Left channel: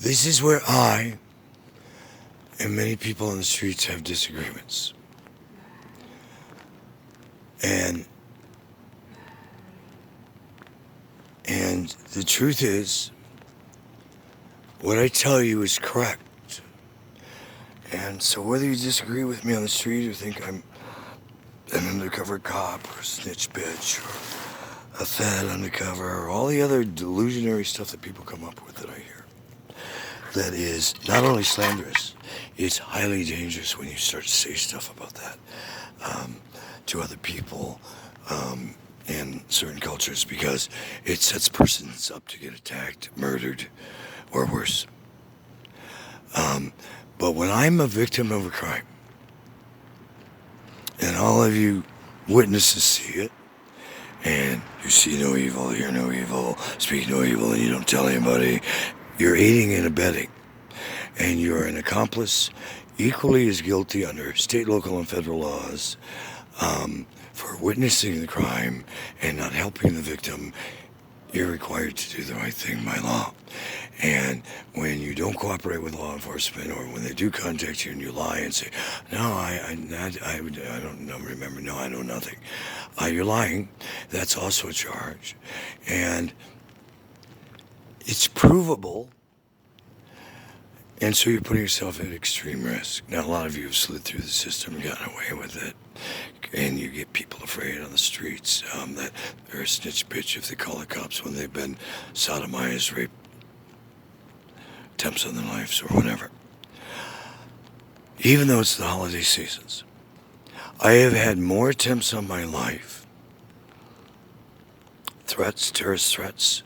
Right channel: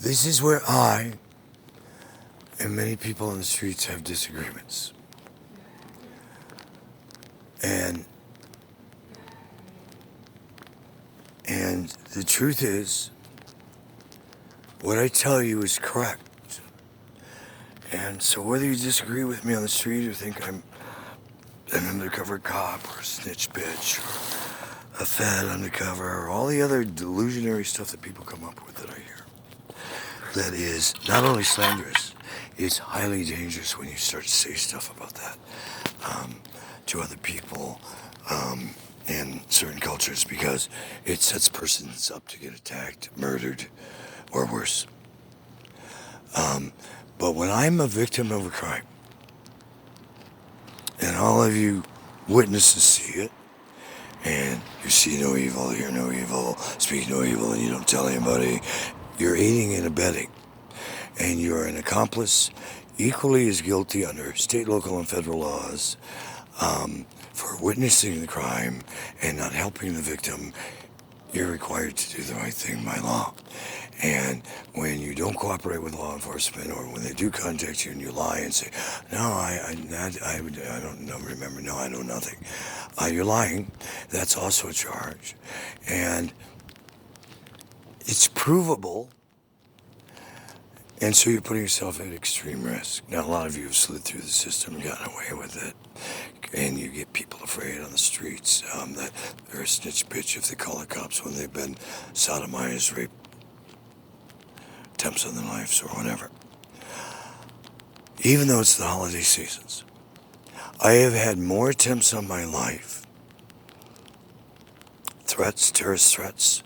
This is where I and many people on the streets have disagreements. And the truth is, what I tell you is correct. And so whether you disagree with me on the street or think I'm an undercover cop or a snitch bitch or a fed undercover or all the other delusionary stuff that people come up with that I hear, that is not only slanderous, it's highly dangerous when you start to say stuff about that to other people in certain cultures, because it sets persons up to get attacked, murdered, or worse. But when I'm a victim of a crime, and all of you witnesses see it, and you see no evil, hear no evil, speak no evil, and you don't tell anybody, you're aiding and abetting. And you're an accomplice equally as guilty under state, local, and federal laws for witnessing the crime and not helping the victim. You're required to do the right thing by law. And when you don't cooperate with law enforcement, or when they do contact you and you lie and say, no, I don't remember, no, I know nothing, you're lying, that's also a charge. And it's provable. And so you're putting yourself at extreme risk. Now, a lot of you have slid through the system and gotten away with it. And you get people afraid on the streets that they're a snitch bitch if they call the cops when they've been sodomized, raped, attempts on their lives, or whatever. Even though it's the holiday seasons, I have had more attempts on my life, threats, terrorist threats,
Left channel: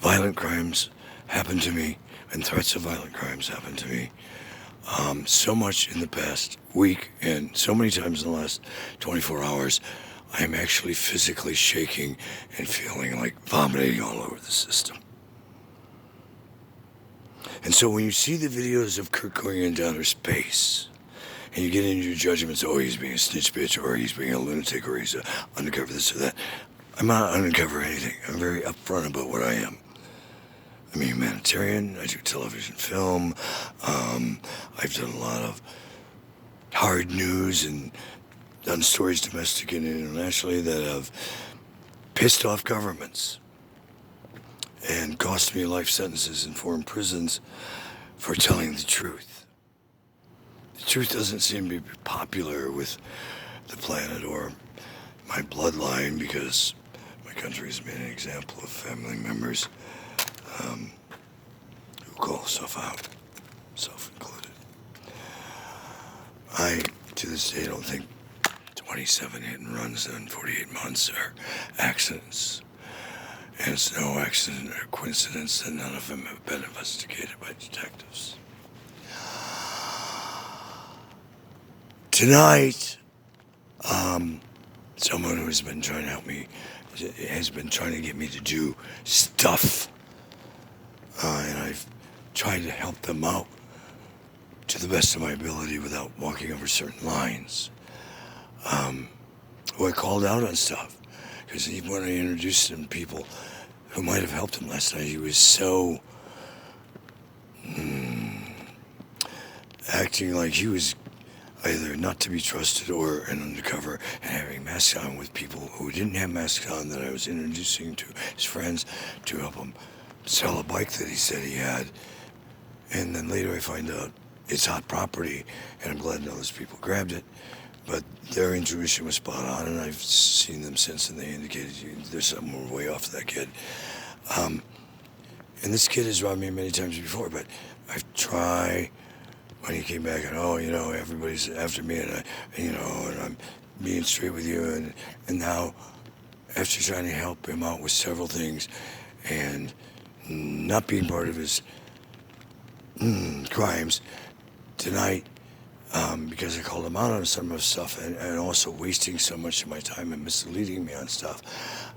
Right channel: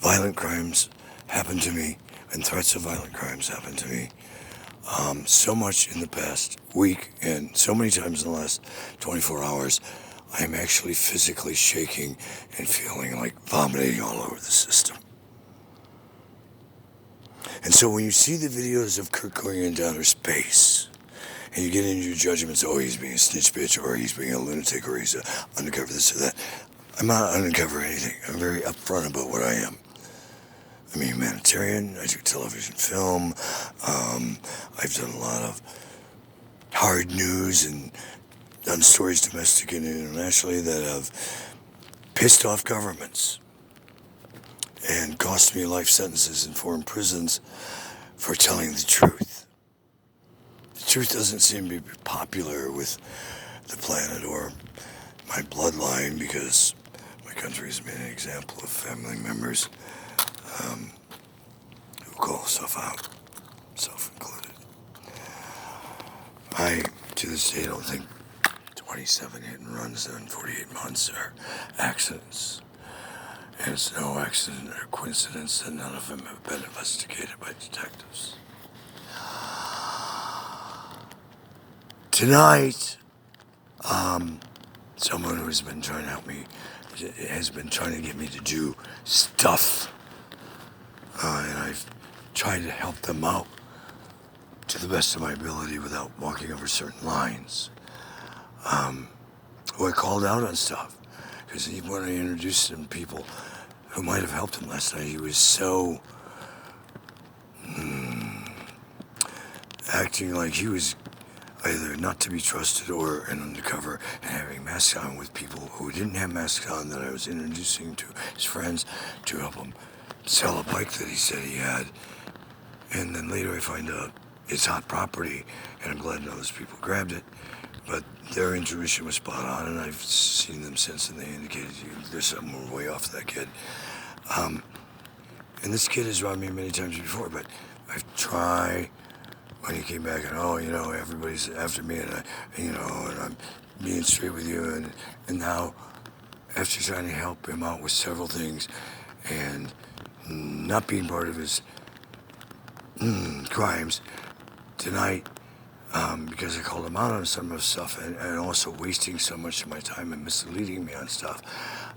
violent crimes happen to me, and threats of violent crimes happen to me so much in the past week, and so many times in the last 24 hours, I am actually physically shaking and feeling like vomiting all over the system. And so when you see the videos of Kurt going into outer space, and you get into your judgments, oh, he's being a snitch bitch, or he's being a lunatic, or he's undercover this or that, I'm not undercover anything. I'm very upfront about what I am. I'm a humanitarian. I do television, film. I've done a lot of hard news and done stories domestic and internationally that have pissed off governments and cost me life sentences in foreign prisons for telling the truth. The truth doesn't seem to be popular with the planet or my bloodline, because my country has been an example of family members who call stuff out, self included. I, to this day, don't think 27 hit and runs in 48 months are accidents. And it's no accident or coincidence that none of them have been investigated by detectives. Tonight, someone who has been trying to help me has been trying to get me to do stuff. And I've tried to help them out to the best of my ability without walking over certain lines. Who I called out on stuff. Because even when I introduced him to people who might have helped him last night, he was so acting like he was either not to be trusted or an undercover, and having masks on with people who didn't have masks on that I was introducing to his friends to help him sell a bike that he said he had. And then later I find out it's hot property, and I'm glad none of those people grabbed it. But their intuition was spot on, and I've seen them since, and they indicated there's something way off that kid. And this kid has robbed me many times before, but I've tried, when he came back, and everybody's after me, and and I'm being straight with you, and now, after trying to help him out with several things, and not being part of his crimes, tonight, because I called him out on some of the stuff, and also wasting so much of my time and misleading me on stuff.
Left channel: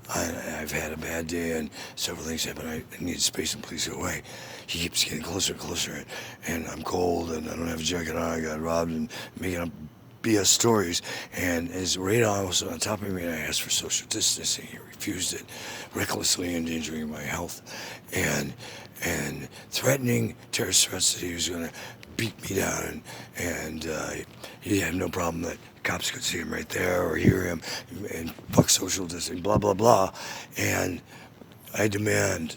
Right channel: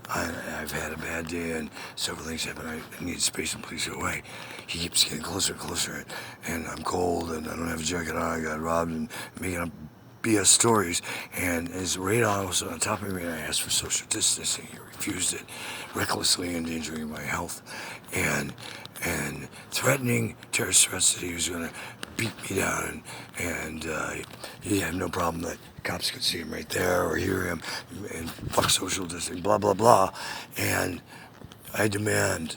I've had a bad day, and several things happen. I need space and please go away. He keeps getting closer and closer, and I'm cold, and I don't have a jacket on. I got robbed, and making up BS stories, and his radar was on top of me, and I asked for social distancing. He refused it, recklessly endangering my health, and threatening terrorist threats that he was going to beat me down, and he had no problem that cops could see him right there or hear him, and fuck social distancing, blah, blah, blah. And I demand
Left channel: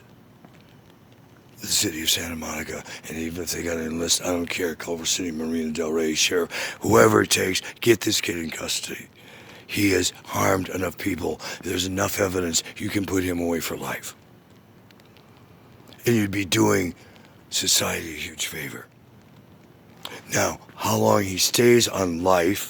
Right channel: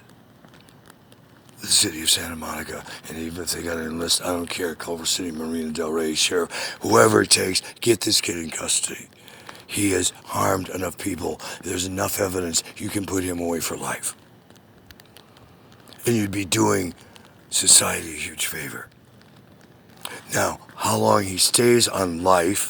the city of Santa Monica, and even if they got to enlist, I don't care, Culver City, Marina Del Rey, Sheriff, whoever it takes, get this kid in custody. He has harmed enough people. There's enough evidence you can put him away for life. And you'd be doing society a huge favor. Now, how long he stays on life